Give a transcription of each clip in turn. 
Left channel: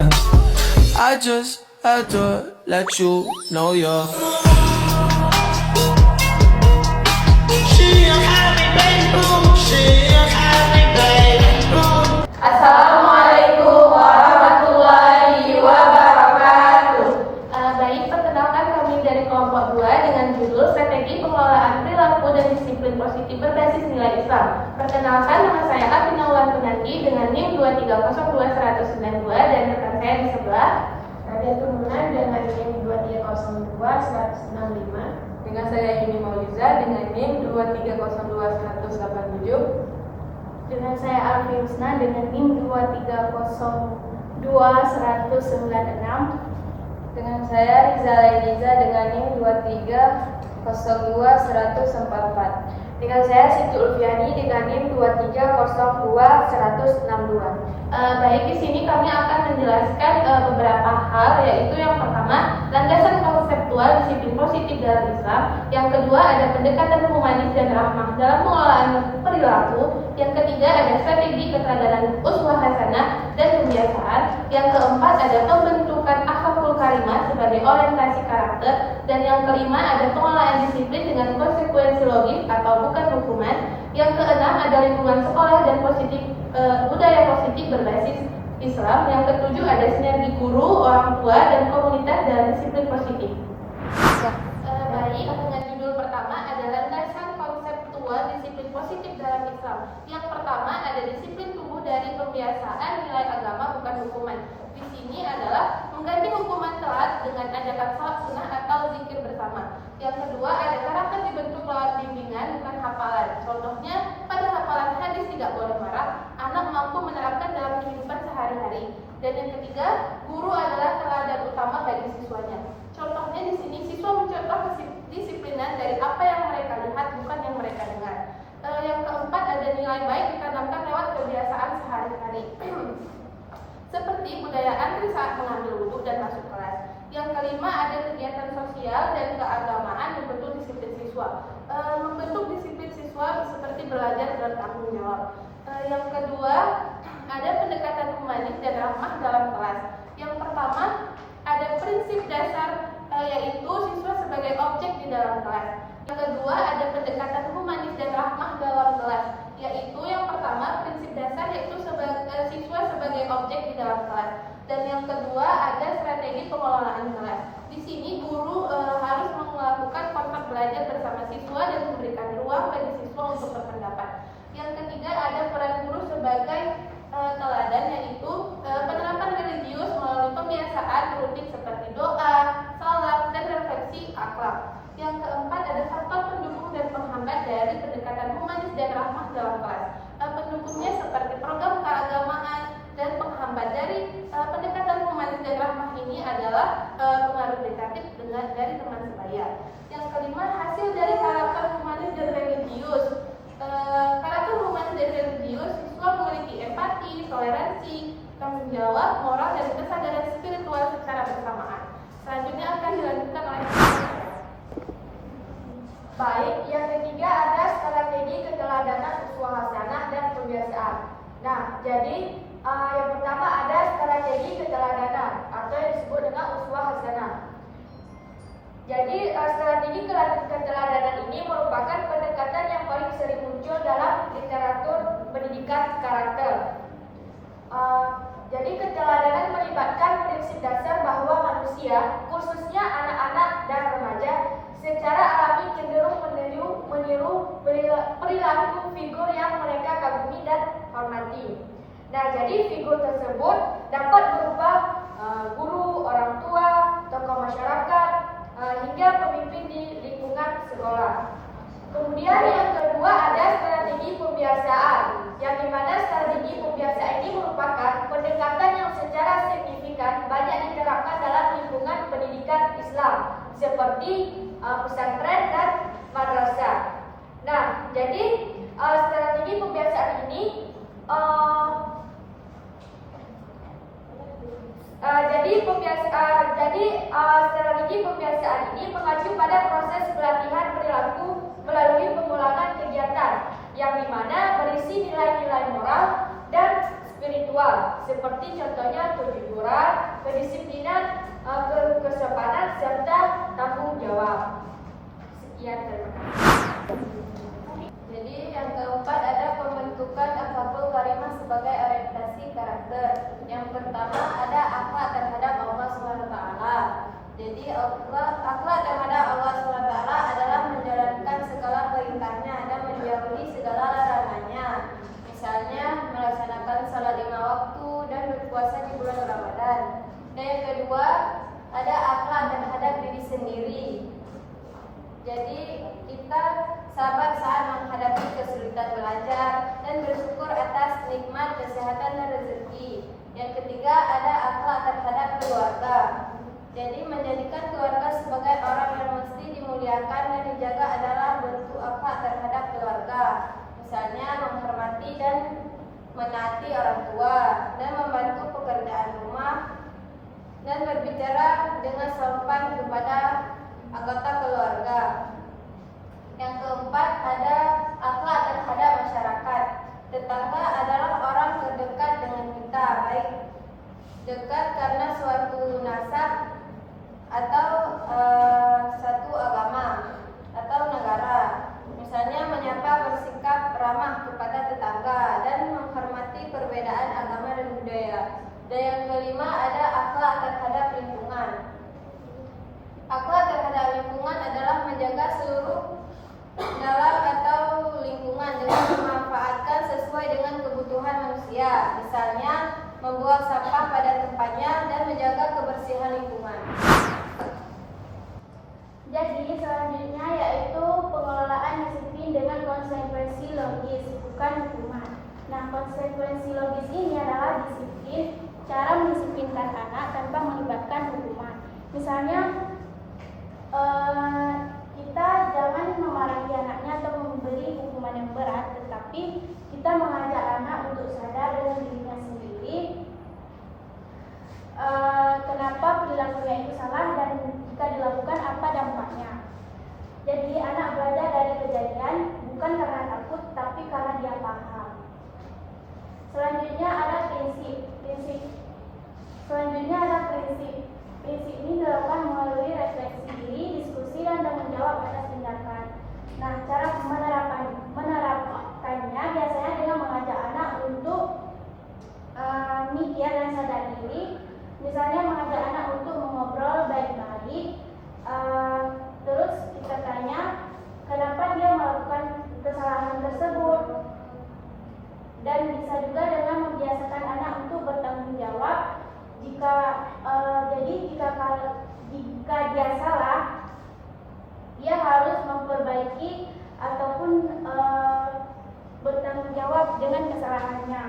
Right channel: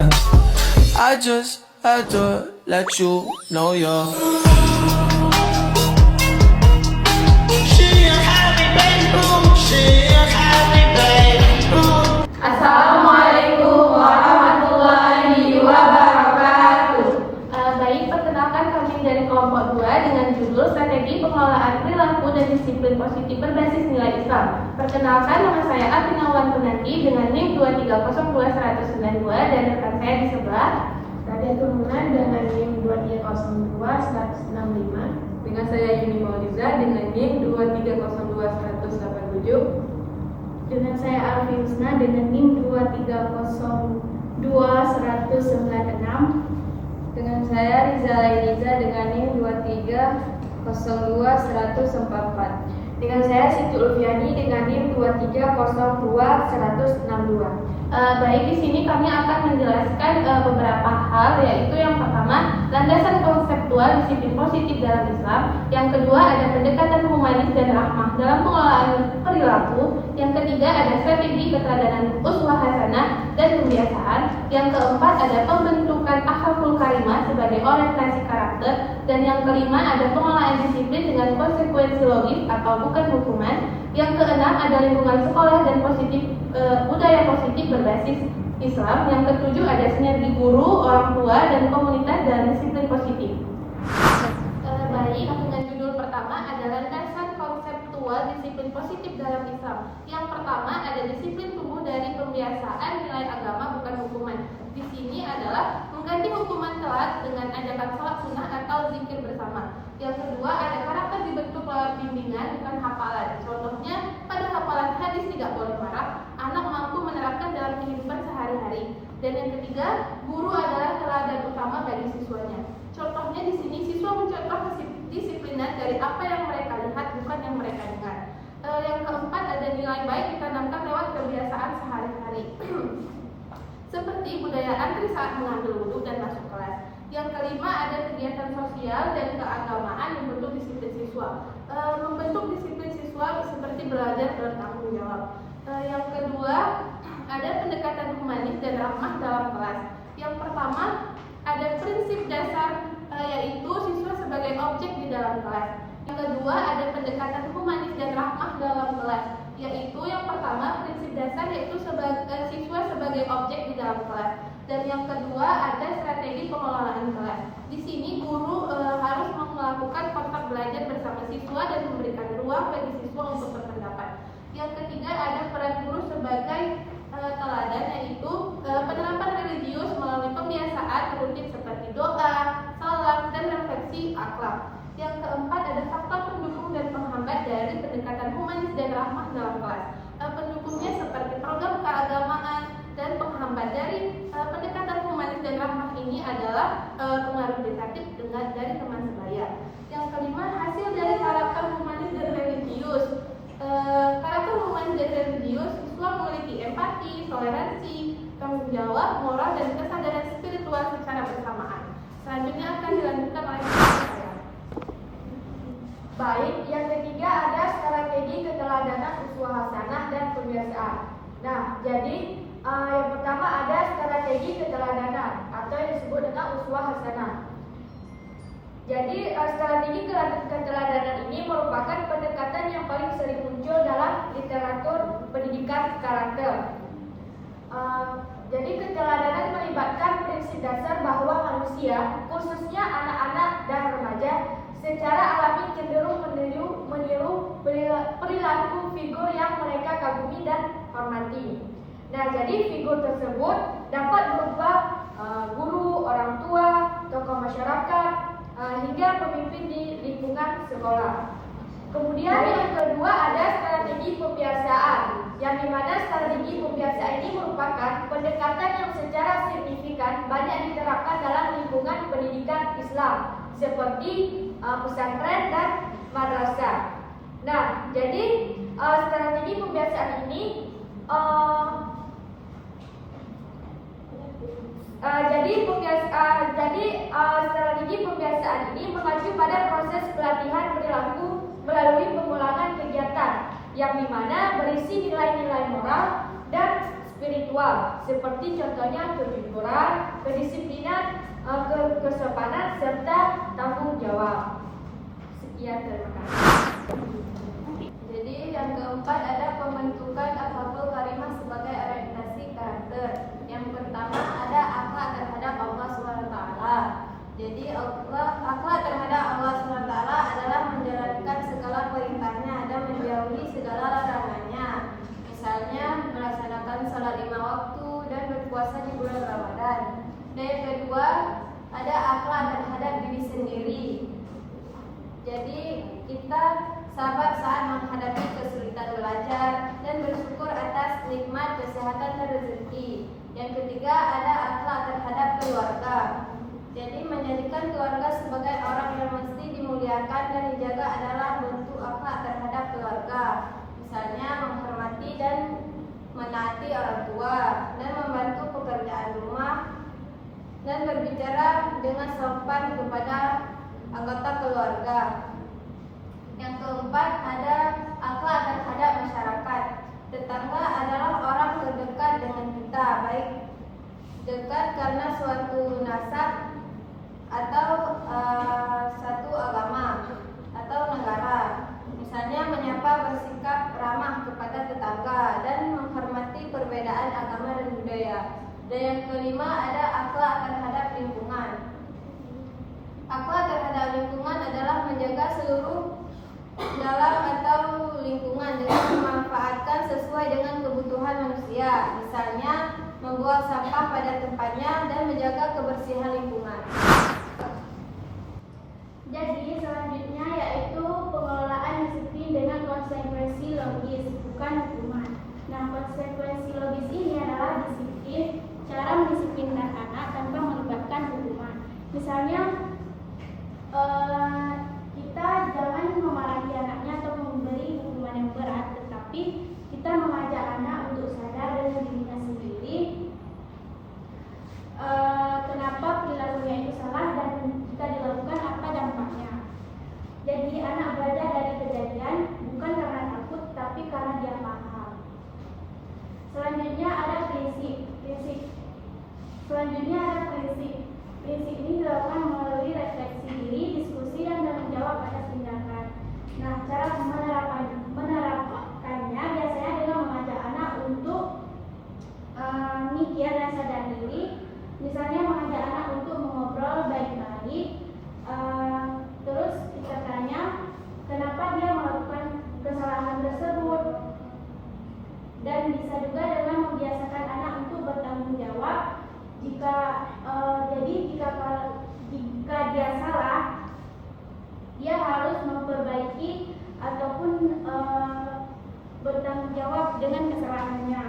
I just had to let you know you're. Assalamualaikum warahmatullahi wabarakatuh. Baik, perkenalkan kami dari kelompok 2 dengan judul Strategi Pengelolaan Perilaku dan Disiplin Positif Berbasis Nilai Islam. Perkenalkan, nama saya Atina Ulan Penanti dengan NIM 2302192 dan rekan saya di sebelah Nadia Tumunan dengan NIM 2302-165. dengan saya Yuni Mauliza dengan NIM 2302187. Dengan saya Alfi Husna dengan NIM 2302-196. Dengan saya Riza Lailiza dengan NIM 2302-144. Dengan saya Siti Ulfiani dengan NIM 2302-162. Baik, di sini kami akan menjelaskan beberapa hal, yaitu yang pertama, landasan konseptual disiplin positif dalam Islam. Yang kedua, ada pendekatan humanis dan rahmah dalam pengelolaan perilaku. Yang ketiga, ada strategi keteladanan uswah hasanah dan kebiasaan. Yang keempat, ada pembentukan akhlakul karimah sebagai orientasi karakter. Dan yang kelima, ada pengelolaan disiplin dengan konsekuensi logis atau bukan hukuman. Yang keenam, ada lingkungan sekolah dan budaya positif berbasis Islam. Yang ketujuh, ada sinergi guru, orang tua, dan komunitas dalam disiplin positif. Baik, dengan judul pertama ada landasan konseptual disiplin positif dalam Islam. Yang pertama ada disiplin tumbuh dari pembiasaan nilai agama bukan hukuman. Di sini adalah mengganti hukuman telat dengan ajakan sholat sunnah atau zikir bersama. Yang kedua ada karakter dibentuk lewat bimbingan bukan hafalan. Contohnya pada hafalan hadis tidak boleh marah, anak mampu menerapkan dalam kehidupan sehari-hari. Dan yang ketiga, guru adalah teladan utama bagi siswanya. Contohnya di sini siswa mencontoh kedisiplinan dari apa yang mereka lihat bukan yang mereka dengar. Yang keempat ada nilai baik ditanamkan lewat kebiasaan sehari-hari. Seperti budaya antri saat mengambil wudhu dan masuk kelas. Yang kelima ada kegiatan sosial dan keagamaan membentuk disiplin siswa. Membentuk disiplin siswa seperti belajar bertanggung jawab. Yang kedua ada pendekatan humanis dan rahmah dalam kelas. Yang pertama ada prinsip dasar yaitu siswa sebagai objek di dalam kelas. Yang kedua ada pendekatan humanis dan rahmah dalam kelas, yaitu yang pertama prinsip dasar yaitu siswa sebagai objek di dalam kelas. Dan yang kedua ada strategi pengelolaan kelas. Di sini guru harus melakukan kontak belajar bersama siswa dan memberikan ruang bagi siswa untuk berpendapat. Yang ketiga ada peran guru sebagai teladan, yaitu penerapan religius melalui pembiasaan rutin seperti doa, salat, dan refleksi akhlak. Yang keempat ada faktor pendukung dan penghambat dari pendekatan humanis dan rahmah dalam kelas. Pendukungnya seperti program keagamaan, dan penghambat dari pendekatan humanis dan rahmah ini adalah pengaruh negatif dari teman sebaya. Yang kelima, hasil dari karakter humanis dan religius. Karakter humanis dan religius, siswa memiliki empati, toleransi, tanggung jawab, moral, dan kesadaran spiritual secara bersamaan. Selanjutnya akan dilanjutkan oleh saya. Baik, yang ketiga ada strategi keteladanan uswah hasanah dan kebiasaan. Nah, jadi yang pertama ada strategi keteladanan atau yang disebut dengan uswah hasanah. Jadi strategi keteladanan ini merupakan pendekatan yang paling sering muncul dalam literatur pendidikan karakter. Jadi keteladanan melibatkan prinsip dasar bahwa manusia, khususnya anak-anak dan remaja, secara alami cenderung meniru perilaku figur yang mereka kagumi dan hormati. Nah, jadi figur tersebut dapat berupa guru, orang tua, tokoh masyarakat, hingga pemimpin di lingkungan sekolah. Kemudian yang kedua ada strategi pembiasaan, yang dimana strategi pembiasaan ini merupakan pendekatan yang secara signifikan banyak diterapkan dalam lingkungan pendidikan Islam, seperti pesantren dan madrasah. Nah, jadi strategi pembiasaan ini strategi pembiasaan ini mengacu pada proses pelatihan perilaku melalui pengulangan kegiatan yang dimana berisi nilai-nilai moral dan spiritual, seperti contohnya kejujuran, kedisiplinan, kesopanan, serta tanggung jawab. Sekian, terima kasih. Jadi yang keempat ada pembentukan akhlakul karimah sebagai orientasi karakter. Yang pertama ada akhlak terhadap Allah SWT. Jadi akhlak terhadap Allah SWT adalah menjalankan segala perintahnya dan menjauhi segala larangannya. Misalnya melaksanakan salat 5 waktu dan berpuasa di bulan Ramadan. Dan yang kedua ada akhlak terhadap diri sendiri. Jadi kita sabar saat menghadapi kesulitan belajar dan bersyukur atas nikmat kesehatan dan rezeki. Yang ketiga ada akhlak terhadap keluarga. Jadi menjadikan keluarga sebagai orang yang mesti dimuliakan dan dijaga adalah bentuk akhlak terhadap keluarga. Misalnya menghormati dan menaati orang tua dan membantu pekerjaan rumah dan berbicara dengan sopan kepada anggota keluarga. Yang keempat ada akhlak terhadap masyarakat. Tetangga adalah orang terdekat dengan kita, baik dekat karena suatu nasab atau satu agama atau negara. Misalnya menyapa, bersikap ramah kepada tetangga dan menghormati perbedaan agama dan budaya. Dan yang kelima ada akhlak terhadap lingkungan. Akhlak terhadap lingkungan adalah menjaga seluruh dalam atau lingkungan dengan memanfaatkan sesuai dengan kebutuhan manusia. Misalnya membuang sampah pada tempatnya dan menjaga kebersihan lingkungan. Jadi selanjutnya yaitu pengelolaan disiplin dengan konsekuensi logis, bukan hukuman. Nah, konsekuensi logis ini adalah disiplin, cara mendisiplinkan anak tanpa melibatkan hukuman. Misalnya kita jangan memarahi anaknya atau memberi hukuman yang berat, tetapi kita mengajak anak untuk sadar dengan dirinya sendiri kenapa perilakunya itu salah dan jika dilakukan apa dampaknya. Jadi anak belajar dari kejadian bukan karena takut tapi karena dia paham. Selanjutnya ada prinsip. Prinsip ini dilakukan melalui refleksi diri, diskusi dan tanggung jawab atas tindakan. Nah, cara menerapkannya biasanya dengan mengajak anak untuk mikir dan sadar diri. Misalnya mengajak anak untuk mengobrol baik-baik. Terus kita tanya kenapa dia melakukan kesalahan tersebut. Dan bisa juga dengan membiasakan anak untuk bertanggung jawab. Jika dia salah, dia harus memperbaiki ataupun bertanggung jawab dengan kesalahannya.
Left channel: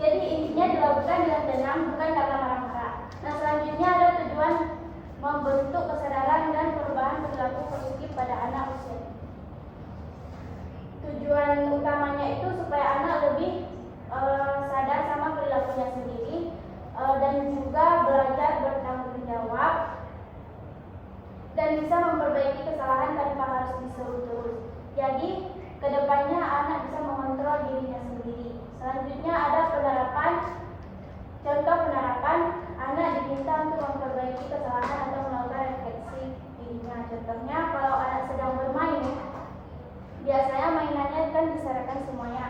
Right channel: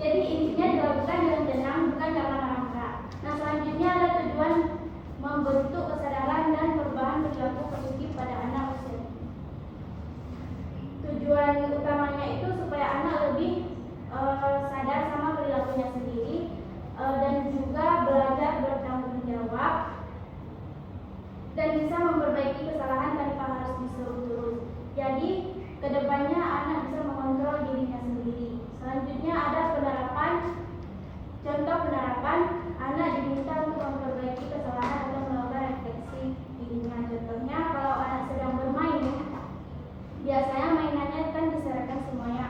Jadi intinya dilakukan dengan tenang, bukan karena marah-marah. Nah, selanjutnya ada tujuan membentuk kesadaran dan perubahan perilaku positif pada anak usia. Tujuan utamanya itu supaya anak lebih sadar sama perilakunya sendiri dan juga belajar bertanggung jawab dan bisa memperbaiki kesalahan tanpa harus disuruh terus. Jadi kedepannya anak bisa mengontrol dirinya sendiri. Selanjutnya ada penerapan. Contoh penerapan, anak diminta untuk memperbaiki kesalahan atau melakukan refleksi dirinya. Contohnya kalau anak sedang bermain, biasanya mainannya kan diserahkan semuanya.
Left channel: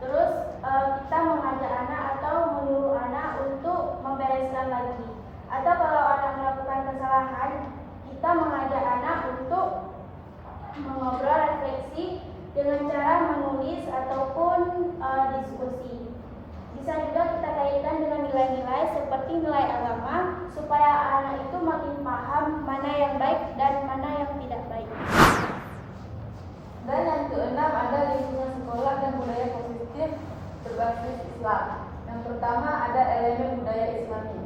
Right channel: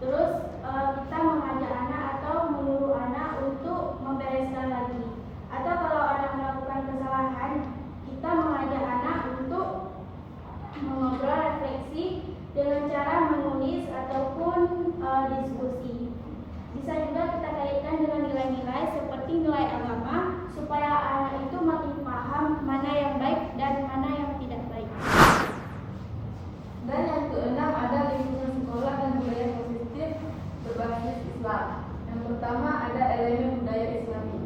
Terus kita mengajak anak atau menyuruh anak untuk membereskan lagi. Atau kalau anak melakukan kesalahan, kita mengajak anak untuk mengobrol refleksi dengan cara menulis ataupun diskusi. Bisa juga kita kaitkan dengan nilai-nilai seperti nilai agama supaya anak itu makin paham mana yang baik dan mana yang tidak baik. Dan yang keenam ada lingkungan sekolah dan budaya positif berbasis Islam. Yang pertama ada elemen budaya Islami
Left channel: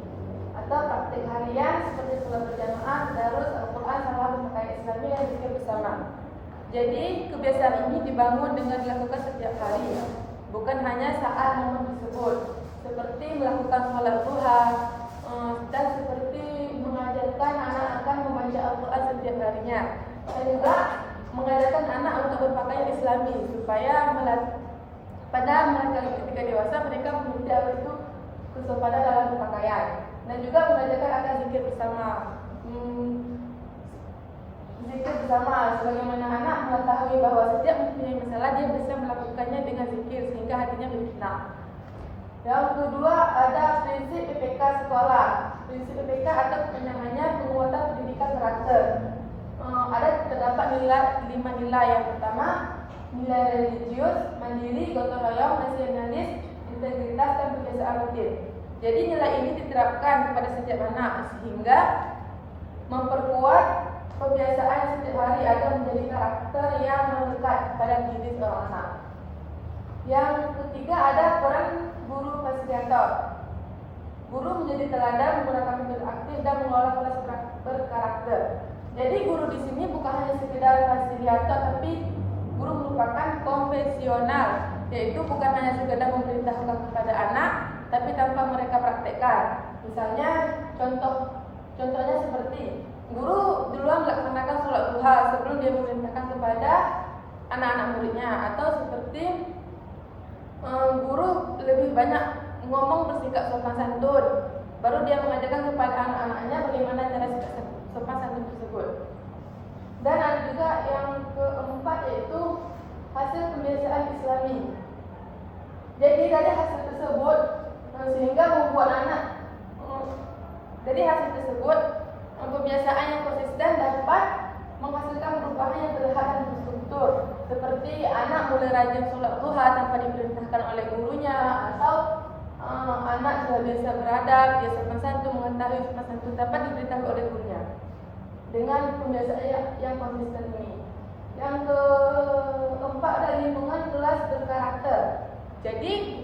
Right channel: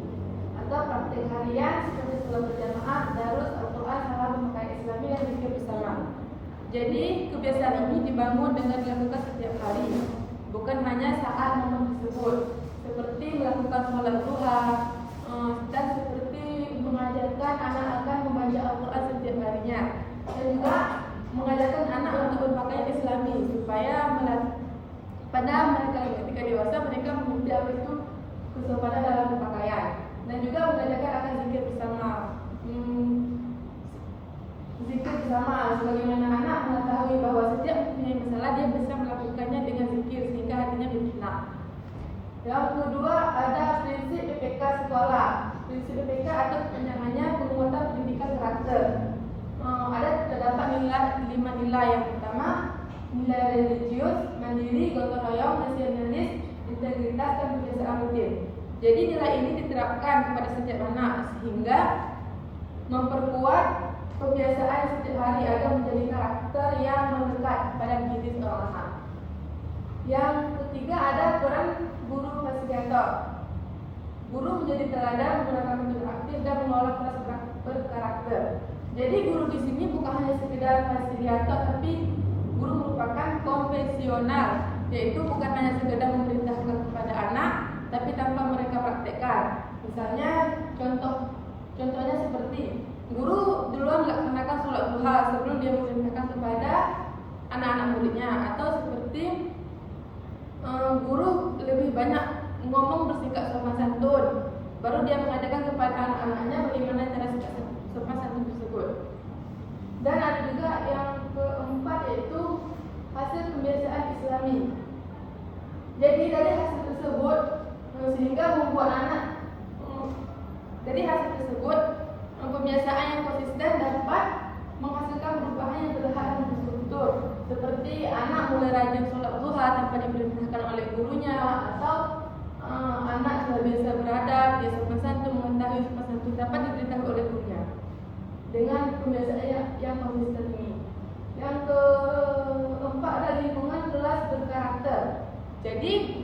atau praktik harian seperti sholat berjamaah, tadarus, Al-Quran, salam memakai Islami dan zikir bersama. Jadi kebiasaan ini dibangun dengan dilakukan setiap hari, bukan hanya saat momen tersebut, seperti melakukan sholat duha dan seperti mengajarkan anak-anak membaca Al-Quran setiap harinya. Dan juga mengajarkan anak untuk berpakaian Islami supaya pada mereka ketika dewasa mereka mengerti apa itu kesopanan dalam berpakaian dan juga mengajarkan akan zikir bersama. Zikir bersama, sebagaimana anak mengetahui bahwa setiap mempunyai masalah dia bisa melakukannya dengan zikir sehingga hatinya bertenang. Yang kedua ada prinsip PPK sekolah. Prinsip PPK atau namanya penguatan pendidikan karakter. Terdapat lima nilai. Yang pertama nilai religius, mandiri, gotong royong, nasionalis, integritas dan kebiasaan rutin. Jadi nilai ini diterapkan kepada setiap anak sehingga memperkuat kebiasaan setiap hari agar menjadi karakter yang melekat pada diri seorang anak. Yang ketiga ada peran guru fasilitator. Guru menjadi teladan menggunakan metode aktif dan mengelola kelas berkarakter. Jadi guru di sini bukan hanya sekedar fasilitator, tapi guru merupakan konvensional, yaitu bukan hanya sekedar memerintahkan kepada anak, tapi tanpa mereka praktekkan. Misalnya contohnya seperti guru duluan melaksanakan sholat duha sebelum dia memerintahkan kepada anak-anak muridnya, atau seperti guru lebih banyak ngomong bersikap sopan santun, baru dia mengajarkan kepada anak-anaknya bagaimana cara sopan santun tersebut. Dan ada juga yang keempat yaitu hasil pembiasaan Islami. Jadi dari hasil tersebut sehingga membuat anak pembiasaan yang konsisten dapat menghasilkan perubahan yang terlihat dan terstruktur, seperti anak mulai rajin sholat duha tanpa diperintahkan oleh gurunya, atau anak sudah biasa beradab, biasa sopan santun, mengetahui sopan santun dapat diberitahu oleh gurunya dengan pembiasaan yang konsisten ini. Yang keempat ada lingkungan kelas berkarakter. Jadi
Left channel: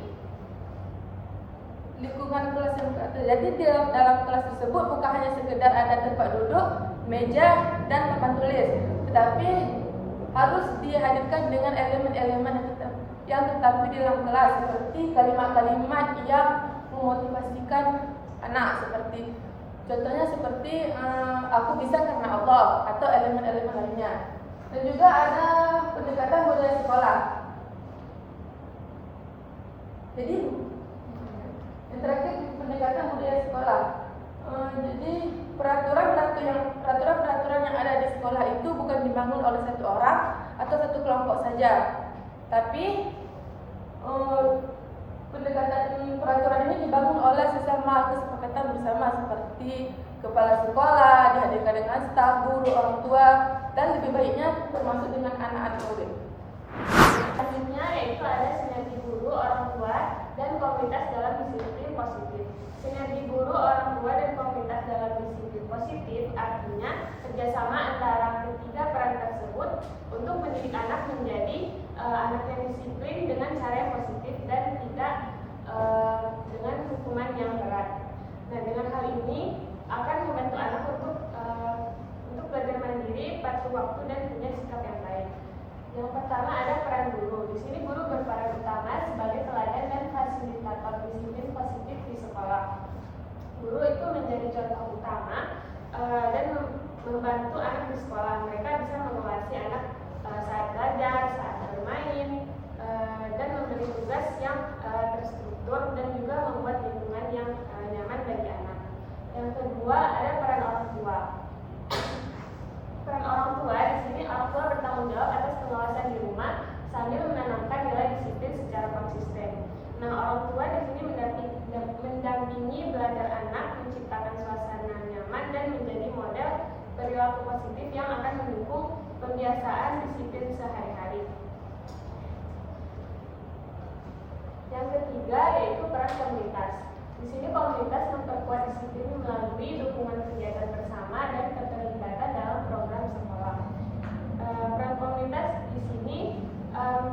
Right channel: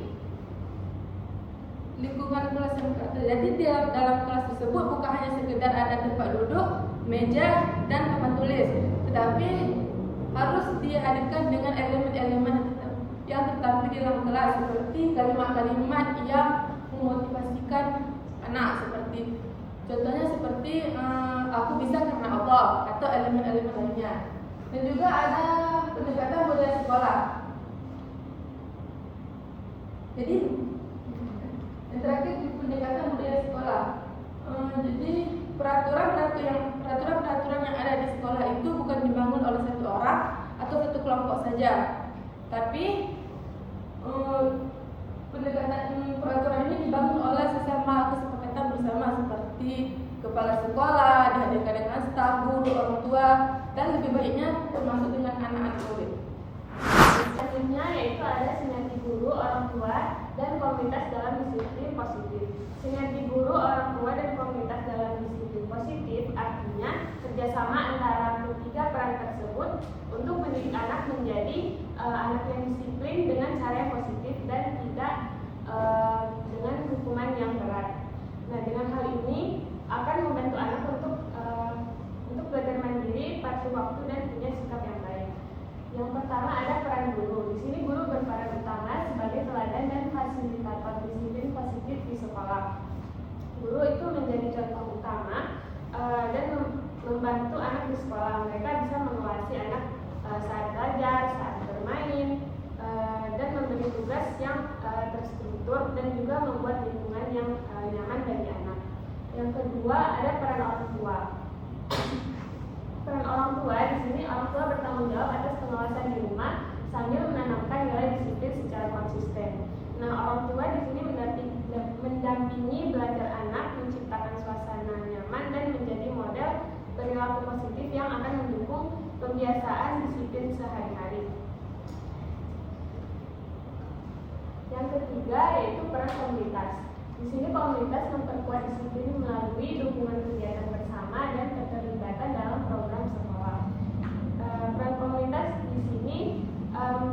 lingkungan kelas yang berkarakter. Jadi dalam kelas tersebut bukan hanya sekedar ada tempat duduk, meja dan papan tulis, tetapi harus dihadirkan dengan elemen-elemen yang tertampil di dalam kelas, seperti kalimat-kalimat yang memotivasikan anak, contohnya seperti aku bisa karena Allah, atau elemen-elemen lainnya. Dan juga ada pendekatan budaya sekolah. Jadi yang terakhir pendekatan budaya sekolah. Jadi peraturan-peraturan yang ada di sekolah itu bukan dibangun oleh satu orang atau satu kelompok saja, tapi pendekatan peraturan ini dibangun oleh sesama kesepakatan bersama, seperti kepala sekolah dihadirkan dengan staf, guru, orang tua, dan lebih baiknya termasuk dengan anak-anak murid. Selanjutnya yaitu ada sinergi guru, orang tua, dan komunitas dalam disiplin positif. Sinergi guru, orang tua, dan komunitas dalam disiplin positif artinya kerjasama antara ketiga peran tersebut untuk mendidik anak menjadi anak yang disiplin dengan cara yang positif dan tidak dengan hukuman yang berat. Nah, dengan hal ini akan membantu anak untuk belajar mandiri, patuh waktu, dan punya sikap yang baik. Yang pertama ada peran guru. Di sini guru berperan utama sebagai teladan dan fasilitator disiplin positif di sekolah. Guru itu menjadi contoh utama dan membantu anak di sekolah. Mereka bisa mengawasi anak saat belajar, saat bermain, dan memberi tugas yang terstruktur dan juga membuat lingkungan yang nyaman bagi anak. Yang kedua ada peran orang tua. Peran orang tua di sini, orang tua bertanggung jawab atas pengawasan di rumah sambil menanamkan nilai disiplin secara konsisten. Nah, orang tua di sini mendampingi belajar anak, menciptakan suasana nyaman dan menjadi model perilaku positif yang akan mendukung pembiasaan disiplin sehari-hari. Yang ketiga yaitu peran komunitas. Di sini komunitas memperkuat disiplin melalui dukungan kegiatan bersama dan keterlibatan dalam program sekolah. Peran komunitas di sini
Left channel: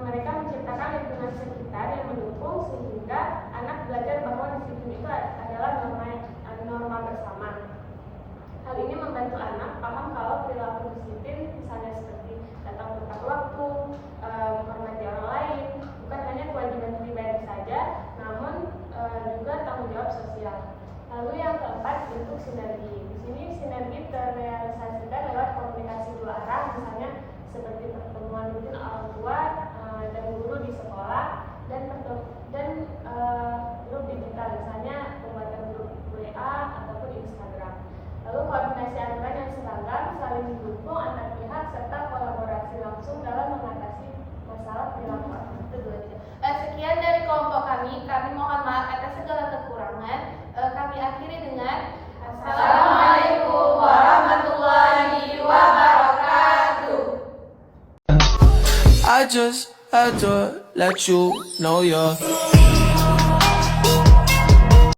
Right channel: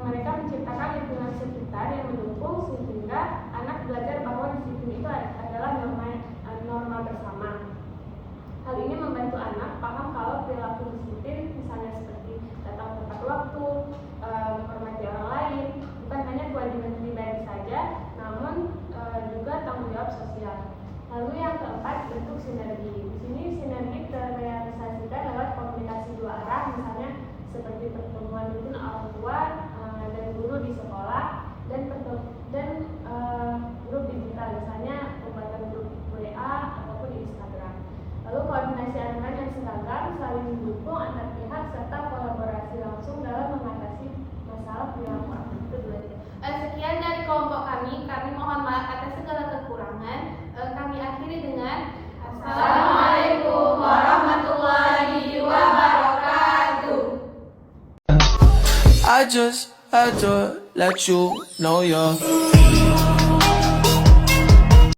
mereka menciptakan lingkungan sekitar yang mendukung sehingga anak belajar bahwa disiplin itu adalah norma bersama. Hal ini membantu anak paham kalau perilaku disiplin misalnya seperti datang tepat waktu, menghormati orang lain, bukan hanya kewajiban pribadi saja, namun juga tanggung jawab sosial. Lalu yang keempat bentuk sinergi. Di sini sinergi terrealisasikan lewat komunikasi dua arah, misalnya seperti pertemuan rutin orang tua dan guru di sekolah, grup digital, misalnya pembuatan grup WA ataupun Instagram. Lalu koordinasi aturan yang seragam, saling mendukung antar pihak serta kolaborasi langsung dalam mengatasi masalah perilaku anak. Itu dua. Sekian dari kelompok kami mohon maaf atas segala kekurangan. Kami akhiri dengan Assalamualaikum warahmatullahi wabarakatuh. I just had to let you know you're